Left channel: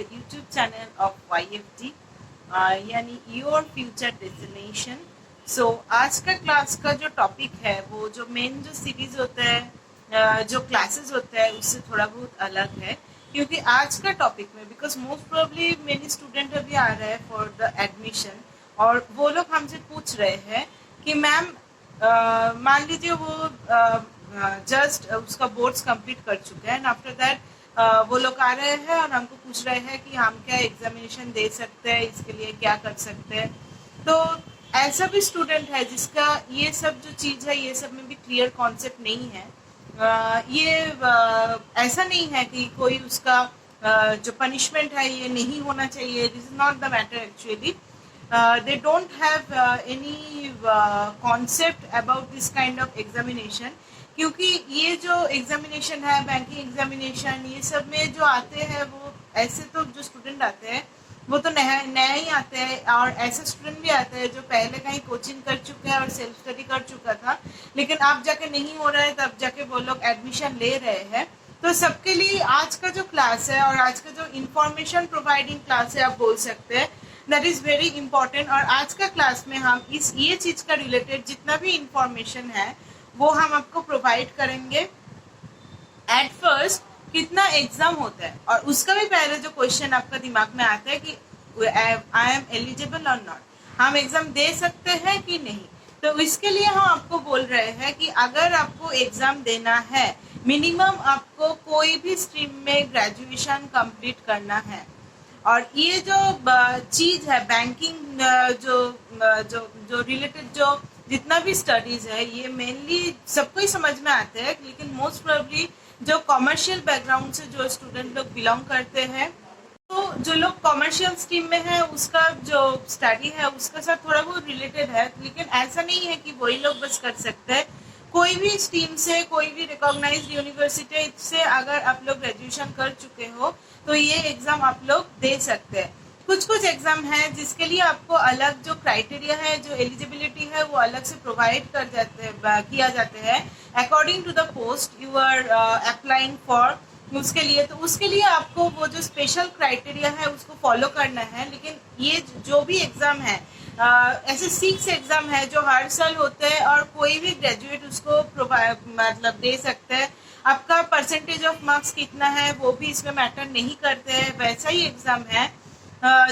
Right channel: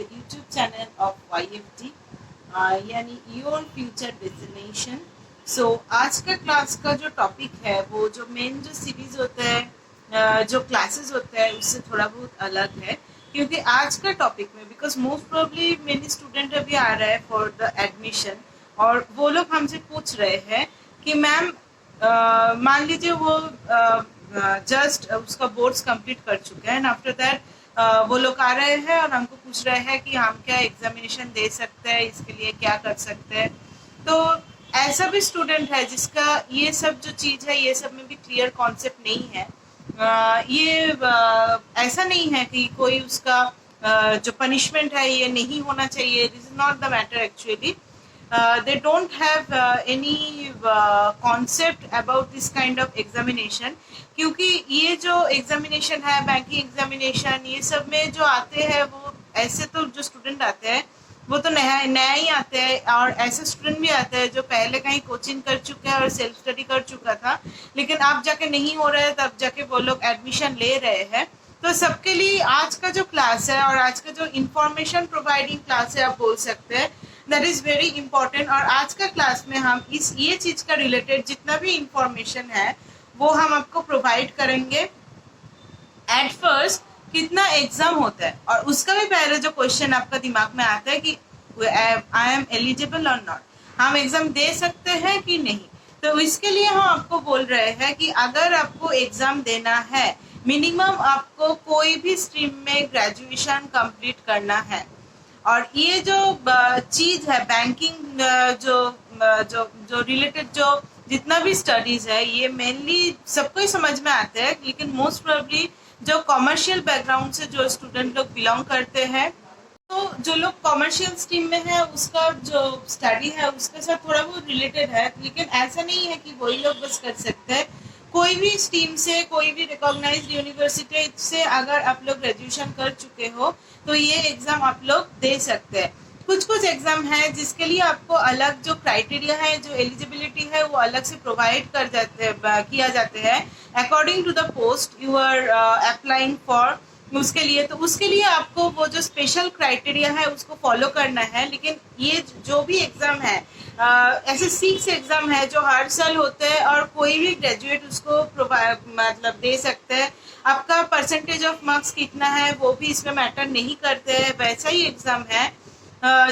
the YouTube channel of YFD यानी your future destination. सो आज का क्लास का जो टॉपिक है वो जो मेन जो सीरीज होता है जो क्लासेस होता है उससे थोड़ा बहुत अलग है, क्योंकि आज का टॉपिक में because most probably many student अभी आ रहे हैं फॉर द एडमिशन और वो लोग हमसे पूछ रहे हैं कि मैम मान लीजिए वो जस्ट उसका बोर्ड्स कंप्लीट कर चुके हैं एंड आफ्टर दैट वो लोग आ रहे हैं और हमको पूछ रहे हैं कि हम क्या एग्जामिनेशन दे सकते हैं, इसके लिए क्या कर सकते हैं। तो ऐसा भी स्टूडेंट है जिसका ये सब जो चीज़ है ये सब में भी क्लियर कॉन्सेप्ट नहीं है। ऐसा नहीं है कि कोई उसका जो पनिशमेंट है ये नहीं होना चाहिए, this is not the matter actually. they don't have any concept about this kind of examination, क्योंकि ये जो एग्जामिनेशन है बैंकिंग एग्जामिनेशन ये सब में जो आते हैं वो ऐसे तो जो स्टूडेंट आते हैं वो तो नया नया ही आते हैं, और ऐसे स्टूडेंट भी आते हैं जो पहले कहीं कोचिंग कर चुके हैं और सेल्फ स्टडी कर चुका था लेकिन अब जाके नहीं हो रहा है, तब जाके वो लोग एडमिशन ले रहे हैं। तो सबके लिए आज का जो क्लास है और आज का जो इंफॉर्मेशन प्रोवाइडिंग क्लास है आप बोल सकते हैं, दैट इज वेरी इंपॉर्टेंट। और आज का क्लास में हम ये चीज का रिलेटेड जितना भी इंफॉर्मेशन है वो हम आपको प्रोवाइड करेंगे। एट फर्स्ट कितना एग्जाम होता है और उसका भी पहले जो क्वेश्चन आपका दिमाग में आता है कि आई एम एलिजिबल और नॉट, हम एग्जाम दे सकते हैं कि नहीं। तो इसके लिए हम आपको बोल रहे हैं कि अगर आपको एग्जाम देना है मिनिमम आपको कोई भी स्ट्रीम में ग्रेजुएशन कंप्लीट करना है। और ये जो चीज है बैंकिंग जो रिलेटेड जो जितना भी स्टडीज है ये मेनली सबको ही समझ में आते हैं, लेकिन मोस्ट प्रोबेबली जो कॉमर्शियल बैकग्राउंड से जो स्टूडेंट लोग बिलोंग करते हैं, तो जो लोग कॉमर्शियल स्ट्रीम में है उसका जो स्टडी है उसके साथ थोड़ा बहुत रिलेटेड है, लेकिन ऐसा नहीं है कि वही लोग बस कर सकते हैं। कोई भी स्ट्रीम से कोई भी रिकॉग्नाइज्ड यूनिवर्सिटी से अगर आप लोग ग्रेजुएशन कर चुके हो तो ये एग्जाम आप लोग दे सकते हैं। कुछ एग्जाम है जिसके लिए आपको अलग जो क्राइटेरिया है जो एलिजिबिलिटी है वो अलग से प्रोवाइड कर जाते किया जाते हैं according to the post you are applying for उसके लिए। तो उसके लिए आपको वो जो स्पेशल क्राइटेरिया है उसको फॉलो करना है। लेकिन ये जो भी एग्जाम है ऐसे 6 एग्जाम है जो हर साल होते हैं और कोई भी ग्रेजुएट उसको मतलब दे सकते हैं। आपका परसेंटेज ऑफ मार्क्स कितना है वो भी इसमें मैटर नहीं करते हैं, वैसा ही एग्जाम है।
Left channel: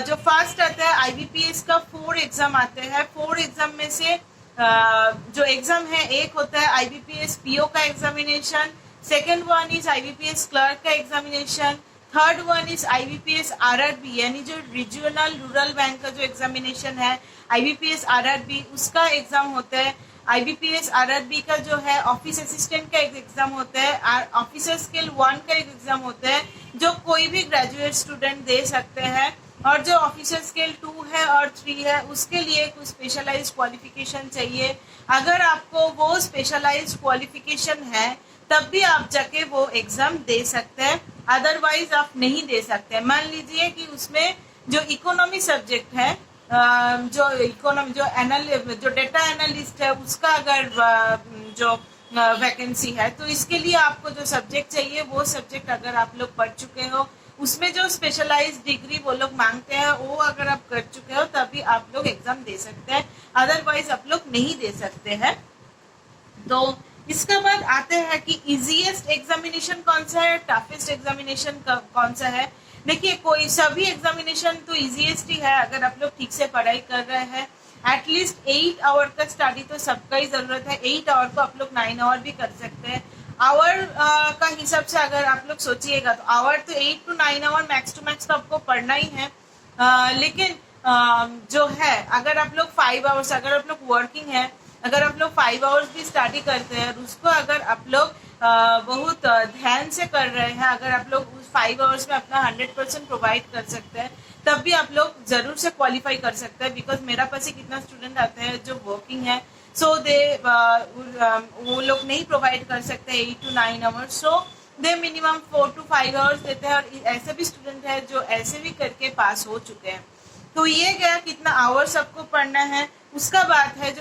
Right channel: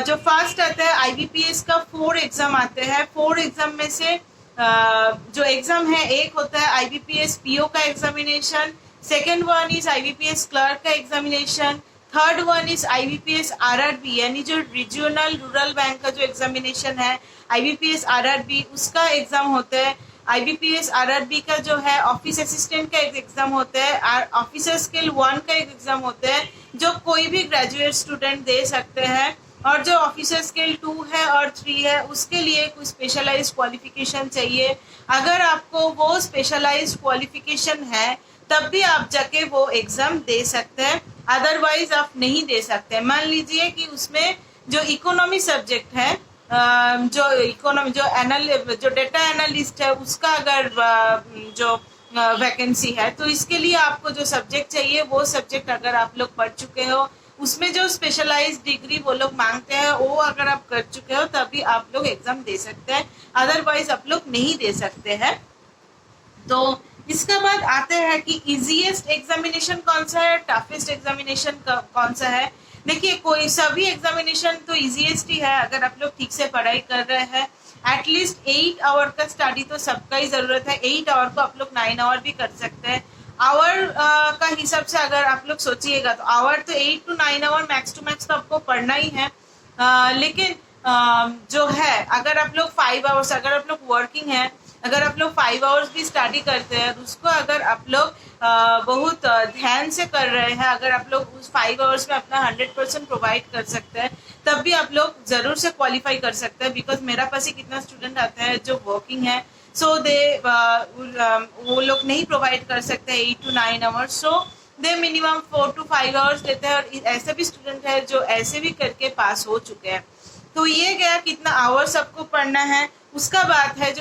जो फर्स्ट आता है IBPS का 4 एग्जाम आते हैं। 4 एग्जाम में से जो एग्जाम है एक होता है IBPS PO का examination, second one is IBPS clerk का examination, third one is IBPS RRB यानी जो रीजनल रूरल बैंक का जो एग्जामिनेशन है IBPS RRB उसका एग्जाम होता है। IBPS RRB का जो है ऑफिस असिस्टेंट का एक एग्जाम होता है, ऑफिसर स्किल 1 का एक एग्जाम होता है जो कोई भी ग्रेजुएट स्टूडेंट दे सकते हैं। और जो ऑफिसर स्किल 2 है और 3 है उसके लिए कुछ स्पेशलाइज्ड क्वालिफिकेशन चाहिए। अगर आपको वो स्पेशलाइज्ड क्वालिफिकेशन है तब भी आप जाके वो एग्जाम दे सकते हैं, अदरवाइज आप नहीं दे सकते। मान लीजिए कि उसमें जो इकोनॉमी सब्जेक्ट है जो डेटा एनालिस्ट है उसका अगर जो वैकेंसी है तो इसके लिए आपको जो सब्जेक्ट चाहिए वो सब्जेक्ट अगर आप लोग पढ़ चुके हो उसमें जो स्पेशलाइज्ड डिग्री वो लोग मांगते हैं वो अगर आप कर चुके हो तभी आप लोग एग्जाम दे सकते हैं, अदरवाइज आप लोग नहीं दे सकते हैं। तो इसके बाद आते हैं कि इजीएस्ट एग्जामिनेशन कौन सा है, टफेस्ट एग्जामिनेशन कौन सा है। देखिए कोई सभी एग्जामिनेशन तो इजीएस्ट ही है अगर आप लोग ठीक से पढ़ाई कर रहे हैं। एटलीस्ट 8 आवर का स्टडी तो सबका ही जरूरत है। 8 आवर को आप लोग 9 आवर भी कर सकते हैं। आवर का हिसाब से अगर आप लोग सोचिएगा तो आवर तो 8 to 9 hour max to max तो आपको पढ़ना ही है। लेकिन जो है अगर आप लोग 5 आवर्स अगर आप लोग वर्किंग है अगर आप लोग 5 आवर्स की स्टडी करते हैं उसको अगर आप लोग बहुत ध्यान से कर रहे हैं, अगर आप लोग उस 5 आवर्स में अपना 100% प्रोवाइड कर सकते हैं तब भी आप लोग जरूर से क्वालिफाई कर सकते हैं। बिकॉज मेरा पास ही कितना स्टूडेंट आते हैं जो वर्किंग है, सो दे वो लोग नहीं प्रोवाइड कर सकते 8 to 9 hours, so they minimum 4 to 5 hours देते हैं। और ऐसे भी स्टूडेंट है जो ऐसे भी करके पास हो चुके हैं। तो ये गया कितना आवर्स आपको पढ़ना है। उसका बात है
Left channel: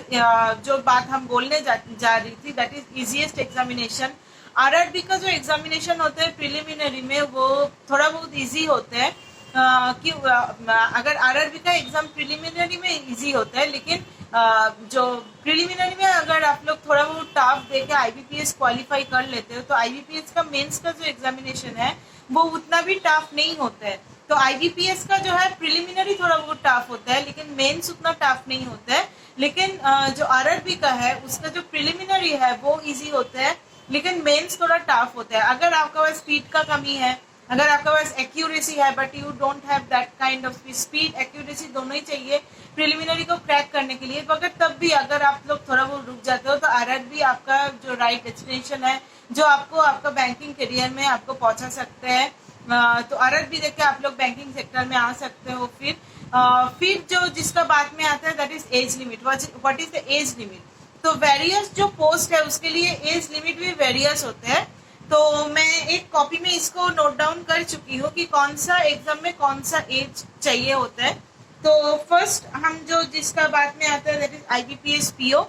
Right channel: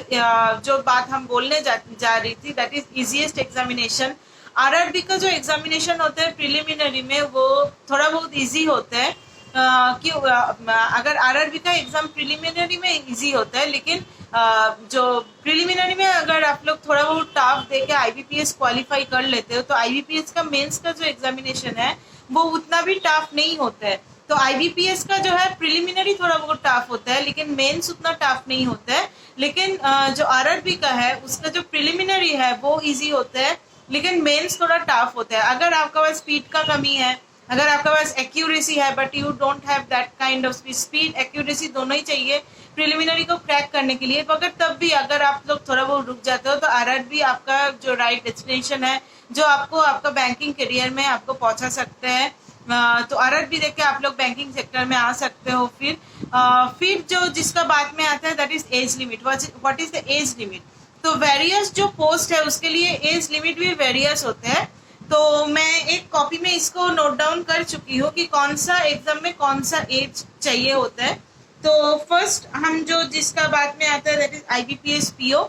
जो बात हम बोलने जा रही थी that is easiest examination. RRB का जो एग्जामिनेशन होता है प्रिलिमिनरी में वो थोड़ा बहुत इजी होता है। क्यों अगर आरआरबी का एग्जाम प्रिलिमिनरी में इजी होता है, लेकिन जो प्रिलिमिनरी में अगर आप लोग थोड़ा बहुत टफ दे के आईबीपीएस क्वालिफाई कर लेते हो तो आईबीपीएस का मेंस का जो एग्जामिनेशन है वो उतना भी टफ नहीं होता है। तो आईबीपीएस का जो है प्रिलिमिनरी थोड़ा बहुत टफ होता है, लेकिन मेंस उतना टफ नहीं होता है। लेकिन जो आरआरबी का है उसका जो प्रिलिमिनरी है वो इजी होता है, लेकिन मेंस थोड़ा टफ होता है। अगर आपका पास स्पीड का कमी है, अगर आपके पास एक्यूरेसी है but you don't have that kind of speed accuracy दोनों ही चाहिए प्रिलिमिनरी को क्रैक करने के लिए, मगर तब भी अगर आप लोग थोड़ा बहुत रुक जाते हो तो आरआरबी आपका जो राइट डेस्टिनेशन है, जो आपको आपका बैंकिंग करियर में आपको पहुंचा सकते हैं। तो आरआरबी देख के आप लोग बैंकिंग सेक्टर में आ सकते हो। फिर जो जिसका बाद में आता है that is age limit. What is the age limit? तो वेरियस जो पोस्ट है उसके लिए एज लिमिट भी वेरियस होते हैं। तो मैं एक कॉपी में इसको नोट डाउन कर चुकी हूँ कि कौन सा एग्जाम में कौन सा एज चाहिए होता है। तो फर्स्ट हम जो जिसका बाद में आता है that is IBPS PO.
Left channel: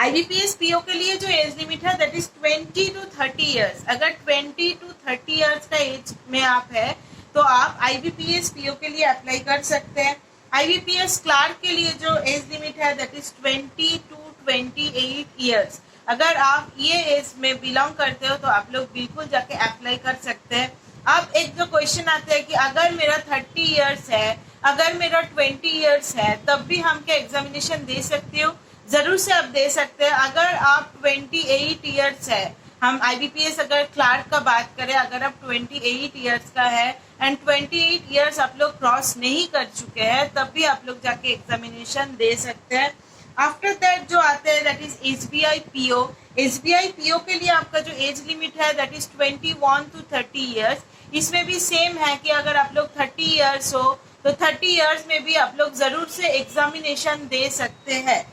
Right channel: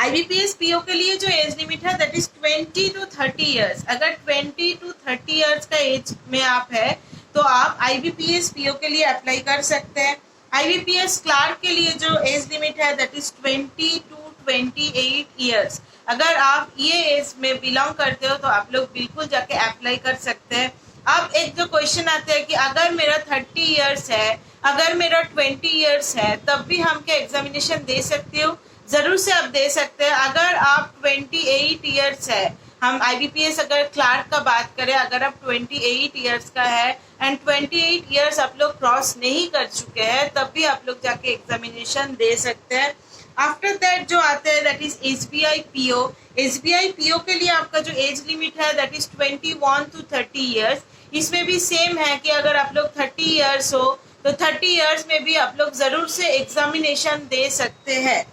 IBPS PO के लिए जो एज लिमिट है दैट इज 20 to 30 ईयर्स। अगर 20 to 30 ईयर्स का एज में आप है तो आप आईबीपीएस पीओ के लिए अप्लाई कर सकते हैं। आईबीपीएस क्लार्क के लिए जो एज लिमिट है दैट इज 20 to 28 ईयर्स। अगर आप ये एज में बिलोंग करते हो तो आप लोग बिल्कुल जाके अप्लाई कर सकते हैं। अब एक जो क्वेश्चन आता है कि अगर मेरा 30 ईयर्स है, अगर मेरा 20 ईयर्स है, तब भी हम क्या एग्जामिनेशन दे सकते हो? जरूर से आप दे सकते हैं। अगर आप 28 ईयर्स है, हम आईबीपीएस अगर क्लार्क का बात करें, अगर आप 28 ईयर्स का है एंड 28 ईयर्स आप लोग क्रॉस नहीं कर चुके हैं, तब भी आप लोग जाके एग्जामिनेशन दे सकते हैं। आफ्टर दैट जो आता है that is SBI PO. SBI PO के लिए आपका जो एज लिमिट है दैट इज 21 to 30 ईयर्स। इसमें भी सेम है कि अगर आप लोग 30 ईयर्स हो तो 30 ईयर्स में भी आप लोग जरूर से एग्जामिनेशन दे सकते हैं।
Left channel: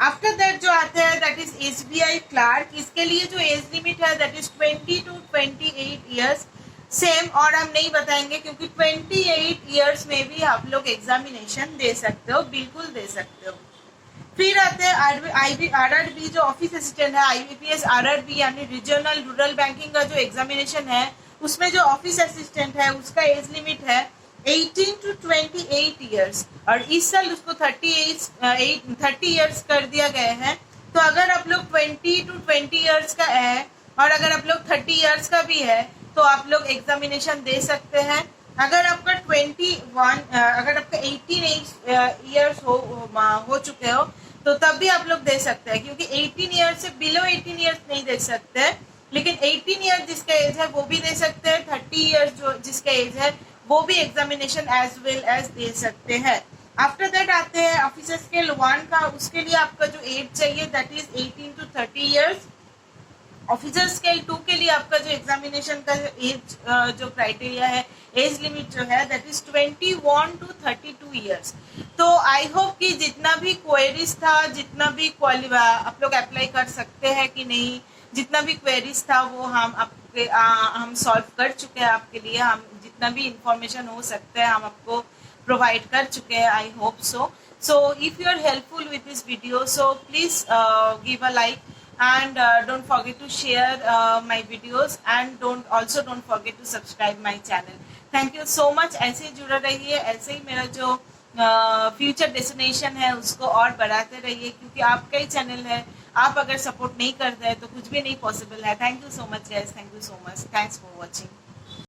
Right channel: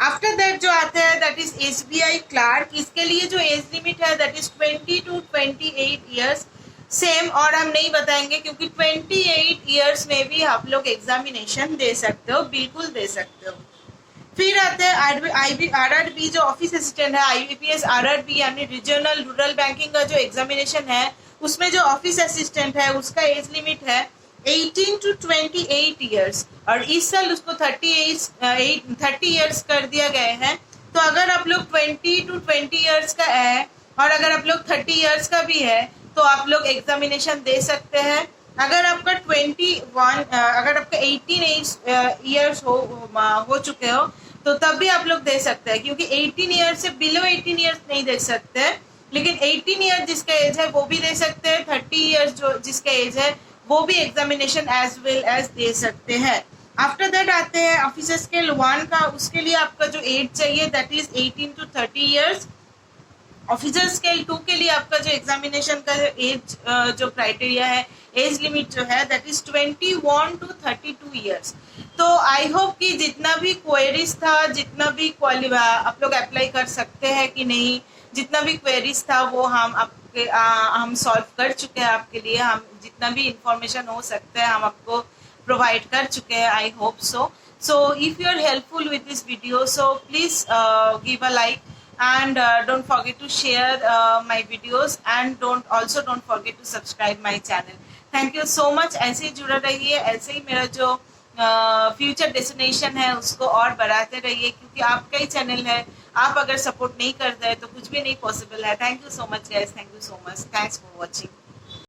आफ्टर दैट जो आता है दैट इज एसबीआई क्लार्क। इसके लिए जो एज लिमिट है that is 20 to 28 years. Same, और हम नहीं बताएंगे क्योंकि 28 ईयर्स में भी आप लोग एग्जामिनेशन दे सकते हो, बिल्कुल दे सकते हो। फिर आते हैं आरआरबी जो ऑफिस असिस्टेंट है, आईबीपीएस आरआरबी यानी रीजनल रूरल बैंकिंग का जो एग्जामिनेशन है उसमें जो ऑफिस असिस्टेंट है उसका एज लिमिट है 18 to 28 ईयर्स, और इस साल उसको 30 ईयर्स कर दिया गया है। तो अगर आप लोग 20 to 20 ईयर्स का है और अगर आप लोग 30 ईयर्स का भी है तो आप लोग एग्जामिनेशन दे सकते हैं। अगर आपका 18 ईयर्स हो चुके हो तो तब भी आप लोग दे सकते हैं, क्योंकि 18 ईयर्स से बिलो 18 ईयर्स नहीं दे सकते, लेकिन 18 ईयर जिसका एज है वो भी दे सकते हैं। 30 ईयर्स जो जिसका एज है वो भी एग्जामिनेशन एज वेल एज दे सकते हैं। आफ्टर दैट आते हैं ऑफिसर स्केल 1 का। उसके लिए आपका जो एज चाहिए that is 18 to 30 years. Officer scale 2 के लिए आपका जो एग्जामिनेशन का एज जो क्राइटेरिया है, एज लिमिट जो है दैट इज 21 to 32 ईयर्स। तो आई होप कि जितना भी क्वेरीज था, जितना भी आप लोग अप्लाई कर सकते हैं कि नहीं, जितना भी क्वेरीज था वो हम सॉल्व कर चुके हैं आपके लिए। हम जितना भी इंफॉर्मेशन हो सकता है हम आपको प्रोवाइड कर चुके हैं। I hope so. So if you are helpful with this video, so please give a like and don't forget to share my videos and don't forget to subscribe my channel. Thank you so much. ऐसे ही जुड़ा रहिए, ऐसे ही मेरा जो future destination है उसको और बढ़ाते रहिए, क्योंकि आपका ही चैनल है। आप अगर सपोर्ट नहीं करते हैं तो कुछ भी नहीं पॉसिबल है। Thank you so much guys, thank you so much, thanks for watching.